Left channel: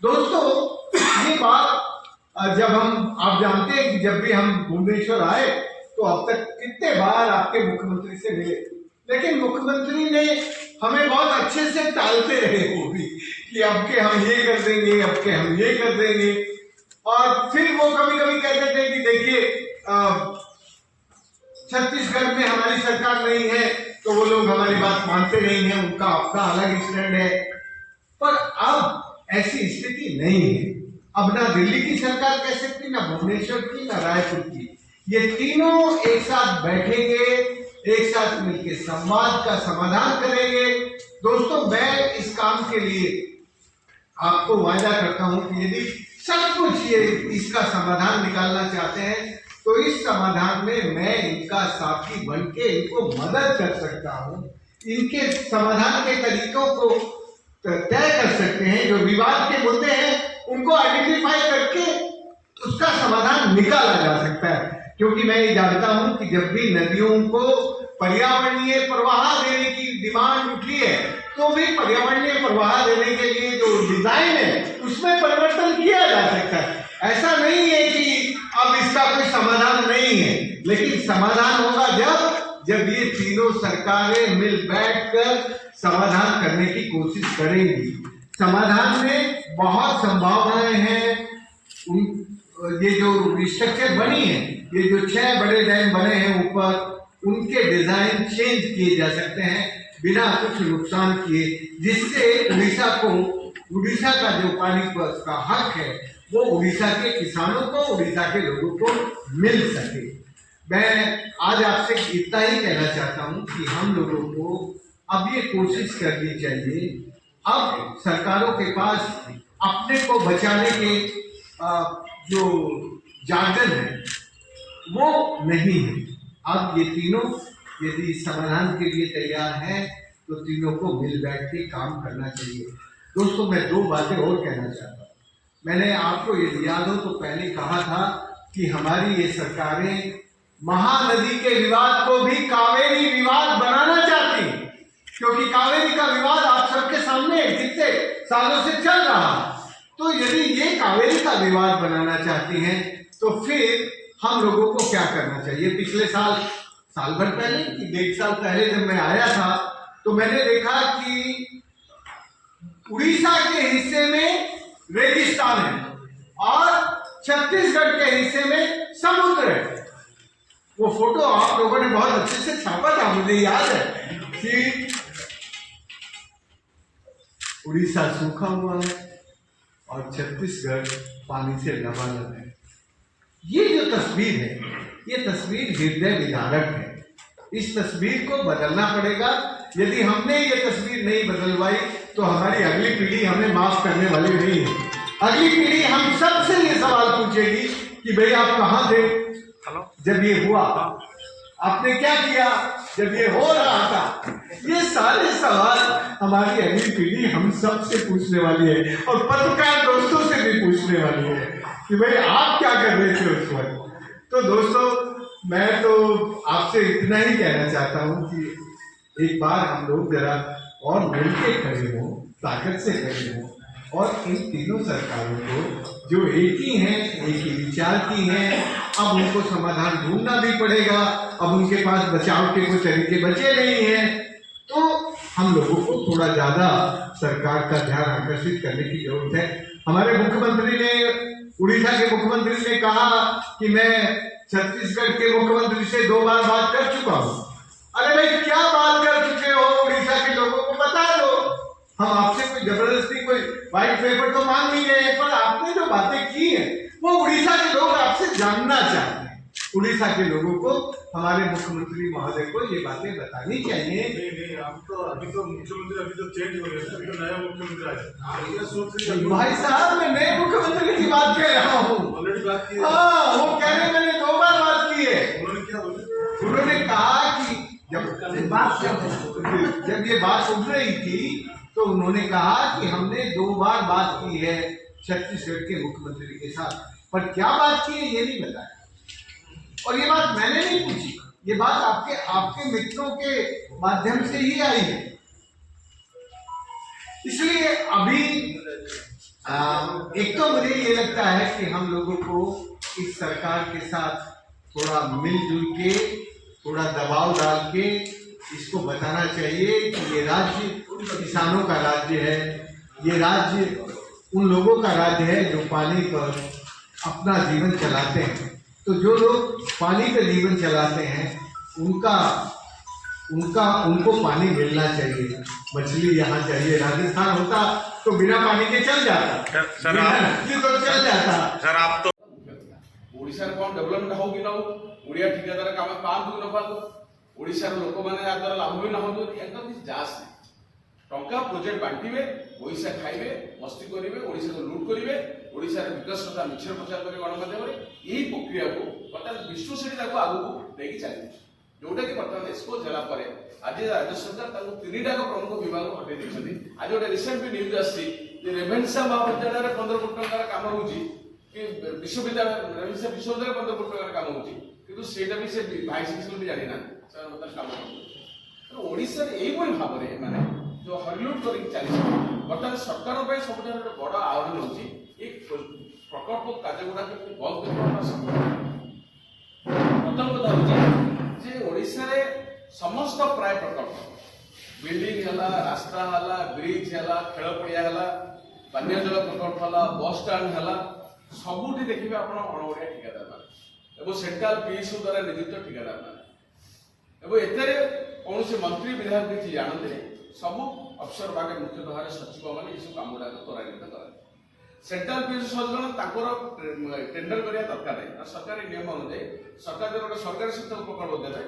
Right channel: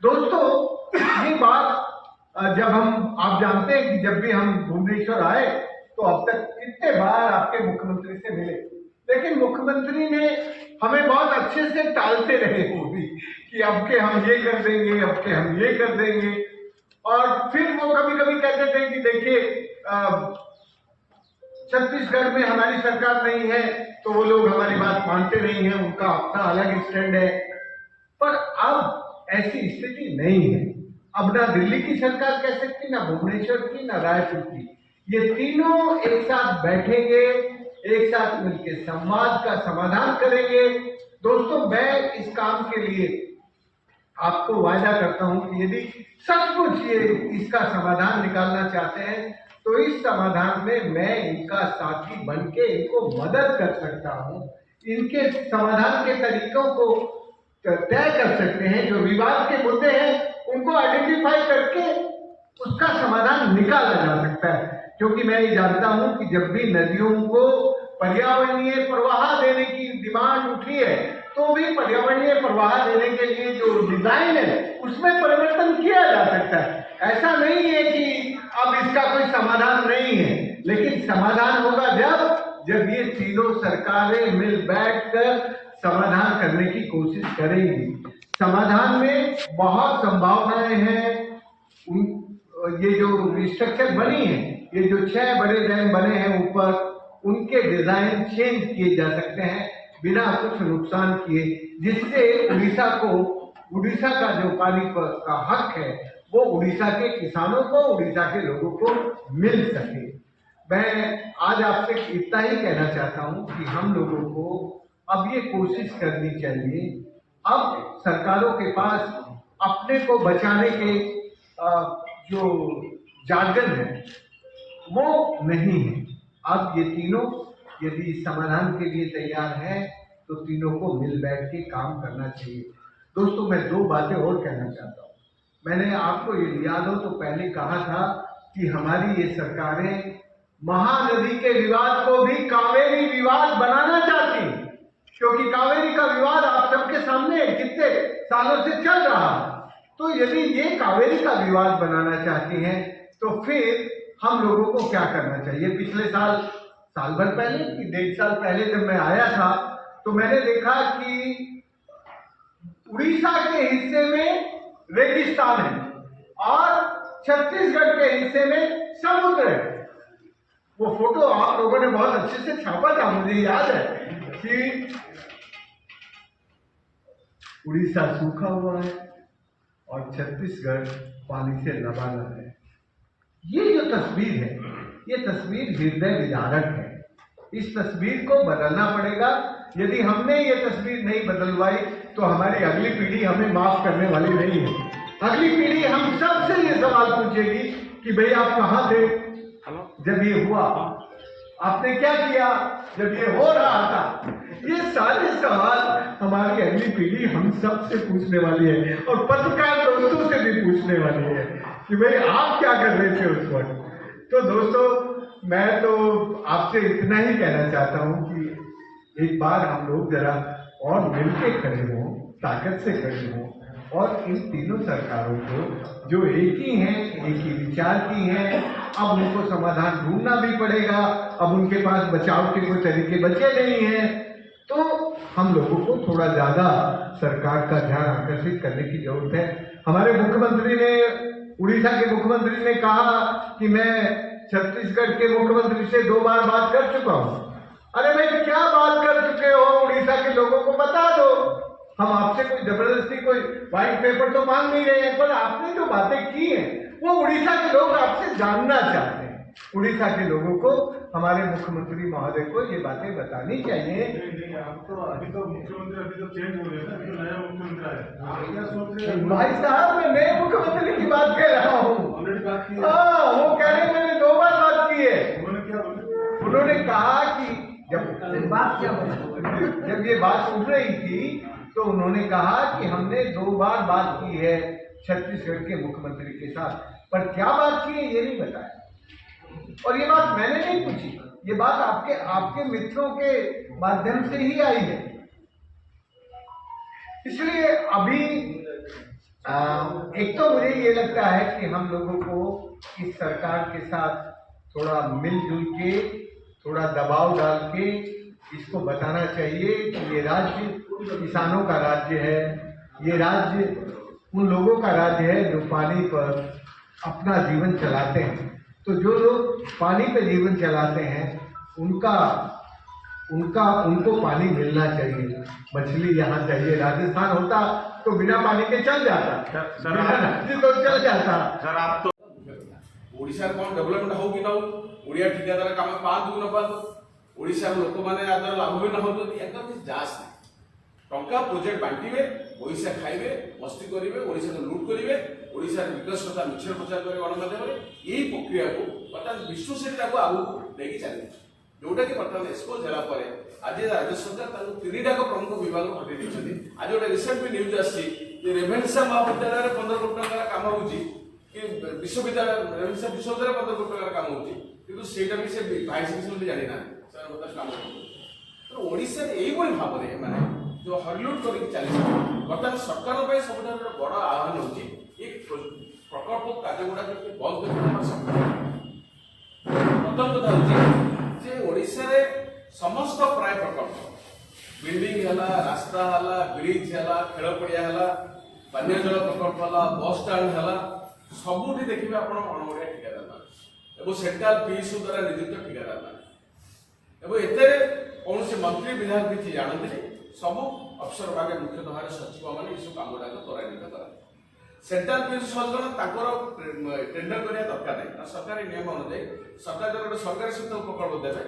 दोस्तों ये बात जब हम आप जानते हैं कि जब भी हम भुवनेश्वर आए तो अब तक कितने बार आपके मुख्यमंत्री से मिले, लेकिन मुख्यमंत्री ने हमें बहुत अच्छे से टालते रहे वो भी कि अब के हम ये कर देंगे, अब के हम ये कर देंगे। और फिर वो कभी कभी कहते थे कि देखिए छत्तीसगढ़ में हमारी सरकार नहीं है तो वो लोग हमारी बात मानते नहीं है, उनका अपना अलग स्टैंड है। पर अब ऐसी स्थिति नहीं है। अब ना दिल्ली की सरकार कह सकती, ना भुवनेश्वर की, ना रायपुर की। ये तीनों एक साथ बैठेंगे, एक साथ मिलकर संवाद का समाधान करेंगे। दोस्तों मैं इस काम के लिए आपको वायदा करता हूं कि यदि सचमुच ये इसका समाधान निकालना चाहते हैं तो इस समाधान में मैं इनका साथी बनके इनको मदद कर सकता हूं। इनके समाधान के तरीकों को तय कर सकते हैं। जो विवाद के मुद्दे हैं उनको आइडेंटिफाई करके उसका समाधान निकाला जा सकता है। क्योंकि मैं ये जानता हूं कि जब भी नदियों को पर्यावरणीय प्रवाह देने की डिमांड उठी है तो भी पर्यावरणीय प्रवाह देने के लिए जो डिजाइन है उसमें परिवर्तन किया जा सकता है। ऐसा नहीं है कि अब इसका कोई समाधान नहीं है, लेकिन समाधान होगा जब ये तीनों सरकारें मिल बैठकर समाधान करने की कोशिश करेंगी। समाधान में बहुत संभावनाएं हैं। ये जो स्ट्रक्चर बनी है, ये जो 6 बड़े डैम बने हैं ऊपर, उनके डिजाइन चेंज किए जा सकते हैं बिना कुछ नुकसान किए, जिससे उड़ीसा का जो पानी का हक है वो उड़ीसा के किसानों को, उड़ीसा के लोगों को मिल सके। मैं आज आपसे इतना ही कहना चाहता हूं कि हम लोगों को अब ये कोशिश करनी चाहिए। अब सरकारों के पास अपने को बचाने के जो जार्गन है वो नहीं है। अब ये तीनों यदि समाधान के लिए तैयार है तो तीनों को मिल बैठ के काम करना चाहिए। दोस्तों मैं 2 बातें और कहना चाहता हूँ। मैंने आपको ये याद हो तो पहले कहा था कि हमारी ये सरकारें महानदी के विवाद को भी कावेरी विवाद बनाना चाहती है, क्योंकि कावेरी का विवाद आप सबके सामने कितने सालों से चल रहा है। तो यदि ये कावेरी का विवाद बनाना चाहती हैं तो फिर हम लोगों को क्या करना चाहिए। पिछले साल भर पहले कि 1.5 साल पहले जब मैं आया था तो मैंने देखा कि उड़ीसा के हिस्से में रेगिस्तान है और छत्तीसगढ़ के हिस्से में समुद्र है। वो फोटो आप लोगों ने बहुत अच्छे से छापा था, मुझे याद है कि उड़ीसा सूखा हुआ है और छत्तीसगढ़ पानी से लबालब है। ये जो तस्वीर है ये तस्वीर हृदय विदारक है। इस तस्वीर को बदलना पड़ेगा। यदि हमने ये तस्वीर नहीं बदलवाई तो हमारी अगली पीढ़ी हमें माफ करने वाली नहीं है। अगली पीढ़ी हम सबसे ये सवाल पूछेगी कि भाई आप कहाँ थे जब ये हुआ, आपने क्या किया जब ये हो रहा था। ये सारे सवाल हमारी अगली पीढ़ी हम सब से पूछने वाली है और पत्रकार दोस्तों से भी पूछने वाली है कि भाई आप क्या कर रहे थे उस वक्त। तो दोस्तों मैं तो आपसे इतना ही कहना चाहता हूं कि एक बार हम लोग जरा और मिलकर खड़े हों, ताकत से खड़े हों और इन तीनों सरकारों को जो एक ही हैं, एक ही विचार की हैं, अब उनको समाधान ढूंढना भी पड़ेगा। अब उनके पास बचाव के कुछ तरीके बचे नहीं हैं, तो हम लोगों को थोड़ा ज्यादा सरकार का ध्यान आकर्षित करने की जरूरत है। हमारे मुख्यमंत्री ने, उड़ीसा के मुख्यमंत्री ने कहा कि मैं छत्तीसगढ़ के मुख्यमंत्री से 2 बार बात कर चुका हूँ। अरे भाई क्या बात कर चुके हो, उड़ीसा के लोगों को बता दो। हम आपसे कोई जबरदस्ती कोई व्हाइट पेपर तो मांग नहीं रहे हैं, पर आपने जो बातें की हैं वो उड़ीसा के लोग आपसे जानना चाहते हैं। उड़ीसा के लोगों को हमारे मुख्यमंत्री महोदय को ये बातें बतानी चाहिए। अभी तो मुख्यमंत्री अभी तो चेंज हो गया ना, अभी तो नया मुख्यमंत्री आया। भाई साहब मैं नए मुख्यमंत्री की बात कह रहा हूँ। ऑलरेडी बात की है। हाँ, वो कह रहे मैंने 2 बार बात की है। उन्होंने क्या बोला? उन्होंने कहा कि जब ये बात उठ रही थी तो उन्होंने कहा कि हमने 2 बार बात की है छत्तीसगढ़ के मुख्यमंत्री के साथ, पर क्या बात की है ये नहीं बताया। और ये बात मैंने नहीं पूछी, ये बात आपके मित्रों के माध्यम से ही आई है। इसलिए अभी एक तो मुझे ये लगता है कि हम लोगों को इस सरकार के साथ थोड़ा मिलजुल के, थोड़ा दबाव डाल के इसको बताना चाहिए कि ये राज्य किसानों का राज्य है, ये राज्य उन लोगों का राज्य है जो पानी पर अपना जीवन चलाते हैं। तो जो लोग पानी पर जीवन चलाते हैं उनको पानी मिलना चाहिए। मछली यहाँ चाहिए, राजस्थान होता तो बिना पानी के चल जाता, बिना नदी तो चल जाता। सर आप तो ओडिशार कौन डेवलपमेंट हो कि ना हो, ओडिया ठिकादार काम पाँच न पाँच ओडिशार लोक मैंने याद्वारा लाभ भी ना हो एकदम जास नहीं टंका प्रोजेक्ट बांटे पैसा खाइबे मस्ती करेंगे ओडिशा को लुट करेंगे ओडिशार विकास कथा मिछर प्रचार करेंगे गणमाध्यम यही प्रक्रिया को बर्तमान विष्णु सेठी आगू लेकिन चली जोटा कि बर्तमान एक्सपोज है आज राज्य सरकार तीन टाक प्रमुख विभाग हटे देखते आज गोटे रिसेंट भी न्यूज आसी रेभेन्सा महाविद्यालय 15 कोटी टंकार काम हो विश्वविद्यालय रेभेन्सा विश्वविद्यालय 15 कोटी टंकार काम होटा भी से भाइस प्रिंसिपल भी जानी ना काम ओडिशा यही भाव में जो हरिलुट कर चली बर्तमान सरकार सब बड़ आह्वान हो प्रकल्प कार्य गुड़ा बंद कर प्रथम कथा हूँ ओडिशा रे समस्त प्राय प्रकल्प बिल्डिंग है रास्ता है ब्रिज है खेल पड़िया है पानीय जल प्रकल्प है बस स्टाण्ड है सबुठी देखिए आप अणओडिया ठिकादार मान सेंट्राल पीएसयू द्वारा नियुक्त ठिकादार मान कौन से मंत्री विधायक किसी जानते सब अफसर भागे मुख्यतः भाव सचिव मैंने सब कम गुड़ा त्वरान्वित करा सेंट्राल पीएसयू सदन टेंडर करने दरकार नहीं सरकार नियम अनुଯାयी सरकार जो गोटे सरकारी क्षेत्र प्रकल्प देवे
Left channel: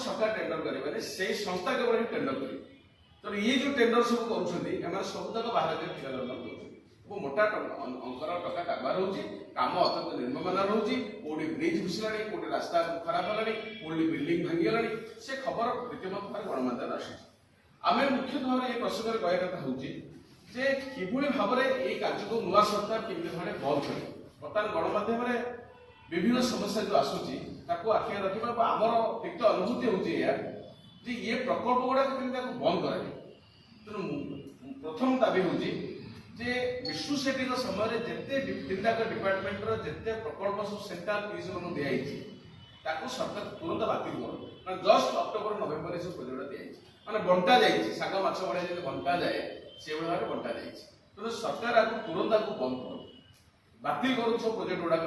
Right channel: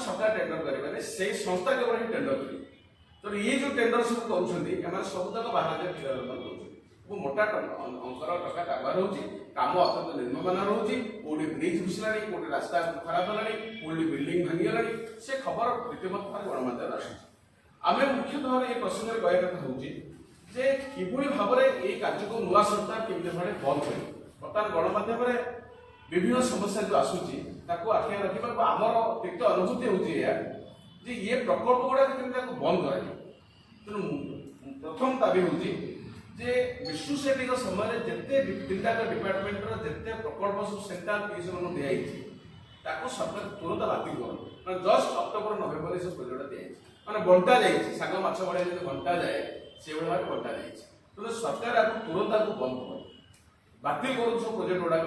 सरकार टेंडर करेंगे से संस्था केवल ही टेंडर करेंगे तो ये जो टेंडर सब कर सब तक बाहर ठिकादार मोटा अंकर टका कारबार होम अत्यंत निम्नमान रोचे कौटी ब्रिज घुसला कौटी रास्ता खराब है कौटी बिल्डिंग भांगीगला से खबर रीतिमत भाव गणमाध्यम आम मुख्यतः ये प्रसंग कह कथा हूँ कि भाव में ये कार्य को नुआ सरकार केमी भाव बंद कर बर्तमान गणमाध्यम विभिन्न समस्या जो आसूची आखिया रखा आमर तिक्त अनुभूति होती ये प्रकल्प गुड़ा बंद कर तेणु प्रथम दाबी हूँ विष्णु सेठी समय जिते तीन टाक डिपार्टमेंट जिते प्रकल्प सब सेंट्राल पीएसयू दिखाई सरकार तुरंत बातिल कर जस्ट अक्टोबर नवेम्बर सब प्रोजेक्ट दिखाई मैंने बंटा जाए साग माछ बढ़िया जब बंटा जाए से भाव बंटा जाए तेणु सरकार आपको तुरंत आपको बंद कर बातिल कर सब प्रोजेक्ट गुड़ाक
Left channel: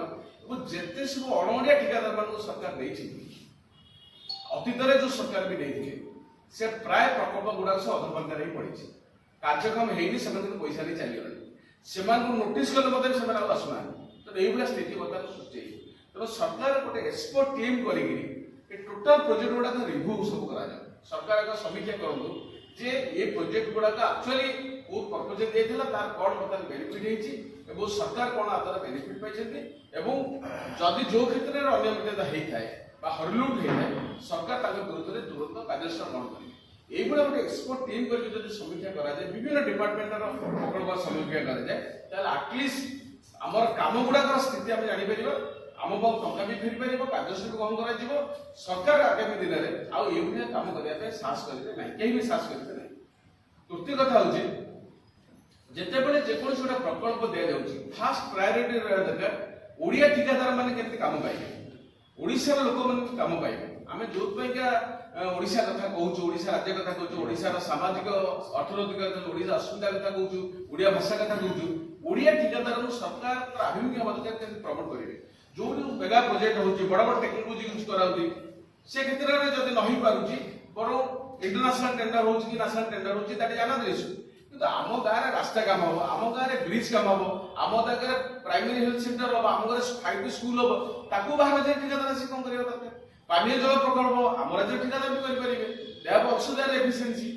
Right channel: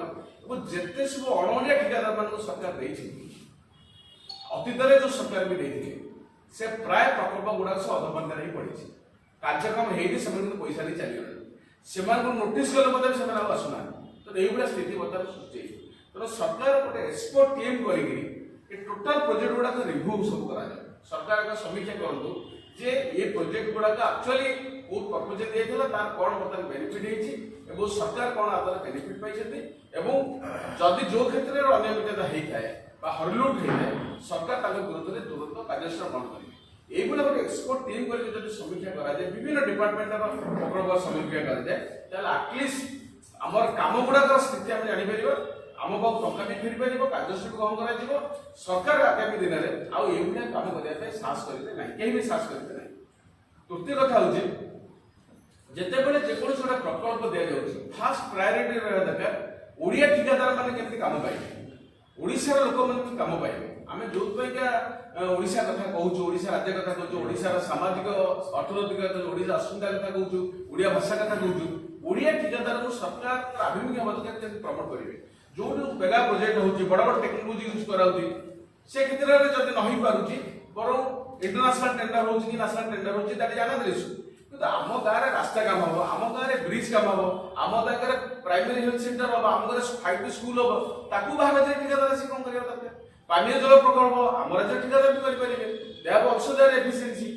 जिते सब अणओडिया ठिकादार मान सरकार अतीत जो सरकार भी से प्राय प्रकल्प गुड़ाक सब अधपंथा ही पड़ी कार्यक्रम होनी पैसा नहीं चलीगला नोटिस कले आसुना तो ये स्थिति बर्तमान सृष्टि तेना सरकार गोटे एक्सपर्ट टीम कर टोटाल प्रोजेक्ट गुड़ाक रिव्यू सब कर सरकार एक समीक्षा करूँ जे ये प्रोजेक्ट गुड़ाक एक्चुअली कौ पर्पज दिया तार कौन बर्तमान बेनिफिट हो सरकार कौन आदर बेनिफिट पाई जदि जो क्षेत्र में अनियमितता होता है हरिलुट होता है सरकार विरुद्ध में तुरंत कार्यानुष्ठान ग्रहण करेंगे এইগুলা গোটে এক্সপোর্ট টিম করে যদি সমীক্ষা করা যায় বিভিন্ন ডিপার্টমেন্টর প্রকল্প সমীক্ষা করা যায় তাহলে আটলিস্ট আমার কাম গুড়াকর স্থিতি আমি জানিপারিবা आम पाऊ टंका भी फेरी पार कार्यसूची ग्रहण कर सरकार आगामी दिन में आउ ये कम करने साहस करेंगे ना कहीं भी साहस करेंगे ना तृतीय कथा हूँ जिते बड़े जेकोसी गोटे प्रकल्प दि जाऊँगी फास्ट प्रायोरिटी रहा दरकार ओडिया ठिकादार मैंने केमती काम पाइबे ओडिशार लोक मैंने काम पाइबे आम जो ओडिशा कथा कहूँ ओडिशा राज्य कथा कहूँ ओडिशार सामाजिक अर्थनैतिक ओडिशा अस्मिता कथा कहूँ ओडिया भाषा कथा कहूँ ओडिया ठिकादार को सरकार आभिमुख्य दरकार केमती प्रमोट करेंगे जो मेगा प्रोजेक्ट होची बड़ बड़ टेक्नोलॉजी यूज कराउती से क्षेत्र में जदि नहीं पारुची बरो इंटरनेशनल टेंडर होची कि नेशनल टेंडर होची ताटी जाना दिसु किंतु आम गाँव में रास्ता काम हम आम गाँव में ब्रिज काम हम आम गाँव में प्राइमरी हेल्थ सेंटर हम आम गाँव में 5टी स्कूल हम ताकू बाहर जे ठिकादार आसी कौन करिया दरकार पानीय जल प्रकल्प आम राज्य ठिकादार भी करि परिबे they have also their efficiency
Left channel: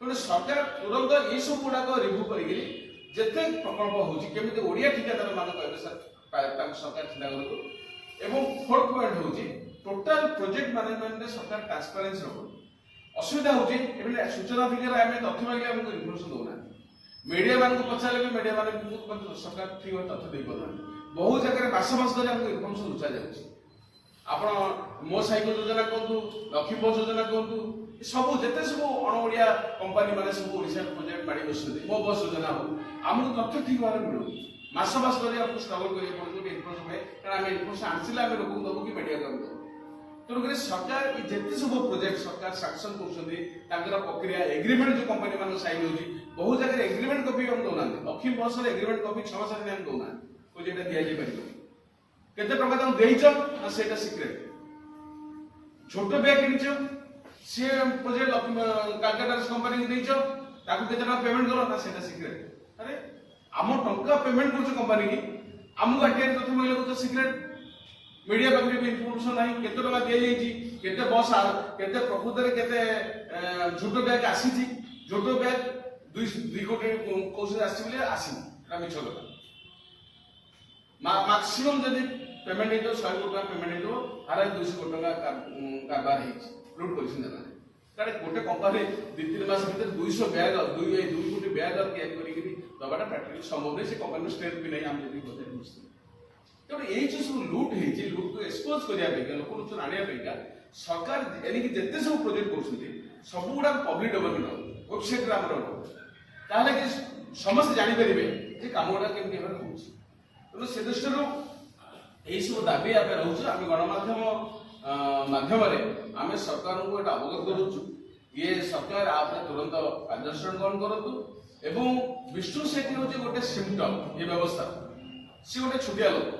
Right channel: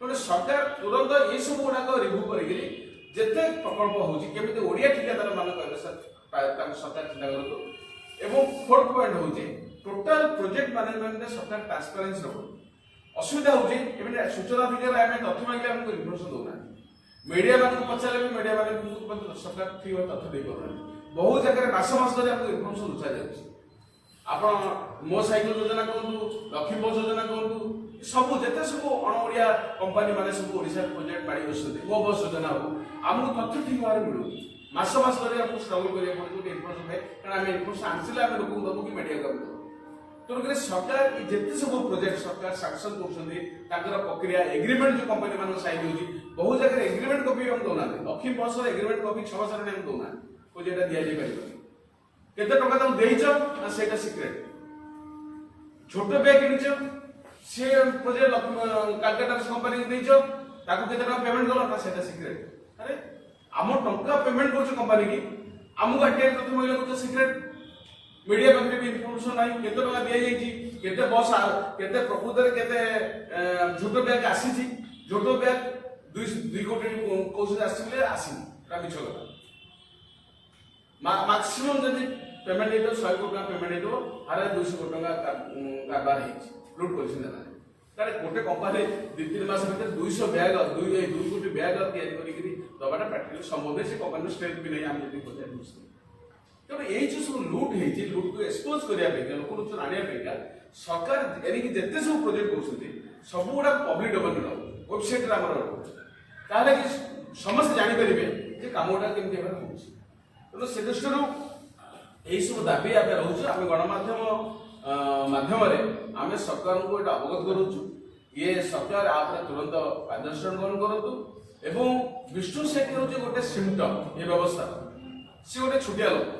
तो सरकार तुरंत ये सब गुड़ाक रिव्यू करी जिते प्रकल्प होची केमिति ओडिया ठिकादार मान कहबे सर सरकार चिंता करूँ फोर्थ पॉइंट हूँ टोटाल प्रोजेक्ट मैनेजमेंट सरकार ट्रांसपेरेंसी रखु असुविधा हूँ सूचना अधिकार आम तथ्य मांगे आमको इनफर्मेशन दौना मीडिया मान पचारे भी मीडिया मान सरकार ठीक तथ्य दे पार बहुत जगह मास धरी आमको इनफर्मेशन लुचा जाऊँगी आप मो साइकेल योजना कहतु लक्ष्मी बस योजना कहतु ସବୁ ଯେତେ ସବୁ ଅଣ ଓଡ଼ିଆ କମ୍ପାନୀ ମାନେ ସବୁ ଓଡ଼ିଶା ପ୍ରୋଜେକ୍ଟ ମାଡ଼ି ବସୁଛନ୍ତି ମୋ ବସ୍ ଯୋଜନା ହଉ ଆମକୁ ତଥ୍ୟ ଠିକ୍ ଭାବରେ ମିଳୁନି ମାସ ମାସ ଧରି ଆମକୁ ଷ୍ଟ୍ରଗଲ୍ କରିବାକୁ ପଡୁଛି ଗୋଟେ ଇନଫର୍ମେସନ୍ ପାଇଁ କାରଣ ଆମେ ଇନଫର୍ମେସନ୍ ଆଣିଥିଲେ ଆମେ ଲୋକଙ୍କୁ ଦେବୁ କି ମିଡ଼ିଆକୁ ଆମେ ଦେବୁ ତେଣୁକରି ସରକାର ଯେତେ ସବୁ ପ୍ରୋଜେକ୍ଟ ସରକାର ସାଂକ୍ସନ୍ କରୁଛନ୍ତି ତାଙ୍କର ପ୍ରକ୍ରିୟା ଏଗ୍ରିମେଣ୍ଟ ଯେଉଁ କମ୍ପାନୀ ମାନଙ୍କ ସାଇନ୍ ହେଉଛି ବହୁ ଜାଗାରେ ଏଗ୍ରିମେଣ୍ଟ କପି ଆମକୁ ଦେଉନାହାନ୍ତି ଲକ୍ଷ୍ମୀ ବସ୍ର ଏଗ୍ରିମେଣ୍ଟ କପି 6 ମାସ ହେଲାଣି ଆମକୁ ଦେଉନାହାନ୍ତି କହୁଛି ଏଇଟା ଦିଆଯାଇ ପାରିବନି କେତେ ଟଙ୍କା ତାଙ୍କୁ ଦେଇଛ ନା ସେଇଟା ସିକ୍ରେଟ୍ ଛୋଟ ବ୍ୟାଗ୍ କିଣିଛ ସେ ପ୍ରୋଜେକ୍ଟ କାଲକାଟା କମ୍ପାନୀ ଦେଇଛ ତାକୁ କେତେ ଟଙ୍କା ପେମେଣ୍ଟ କଲ ନା ସେଇଟା ସିକ୍ରେଟ୍ ଆରେ ଆମ ଟଙ୍କା ପେମେଣ୍ଟ କରୁଛୁ କମ୍ପାନୀ କି ଆମକୁ ଆଟିଆର ତଥ୍ୟ ମିଳିଲା କରୁଛ ସିକ୍ରେଟ୍ मीडिया पाखे भी इनफॉरमेशन नहीं केते टका दिया जाई केते बस केते प्रकृତରେ केते झोटो बैग आसी झोटो बैग 2 कोटी कोस आसी बोले आसी रा मिछ गला मैक्सिमम जदी पेमेंट हेतो 100 कोटी पेमेंट हेतो हारा 200 कोटी टका कारबार हे लूट करछन ना कारे गोटे कंपनी 2-3 मास भीतर 200 बैग 2 कोटी बैग तैयारी करी दबाटा प्रैक्टिकल संभव नहीं से कंपनी स्ट्रेंथ भी नहीं हम जदी बजाय मुस्ती तेणु यही जो सब लुट है लुट को एक्सपोज करने लोक आने सरकार एणिक जिते सब प्रोजेक्ट कर सब गुड़ा पब्लिक डोमेन वेबसाइट ताहले कि समस्त जापर जे कम गुड़ा केमती हो तेणु से दृष्टि यही सब दाबी आम रोचे आम गणमाध्यम माध्यम आम सरकार को यहाँ अवगत करूँ ये सरकार आप तुरंत कार्यानुष्ठान ग्रहण करूँ एवं विष्णु सेठी हूँ गोटे सिम्पटम ये व्यवस्था सी गोटे छुटिया लोक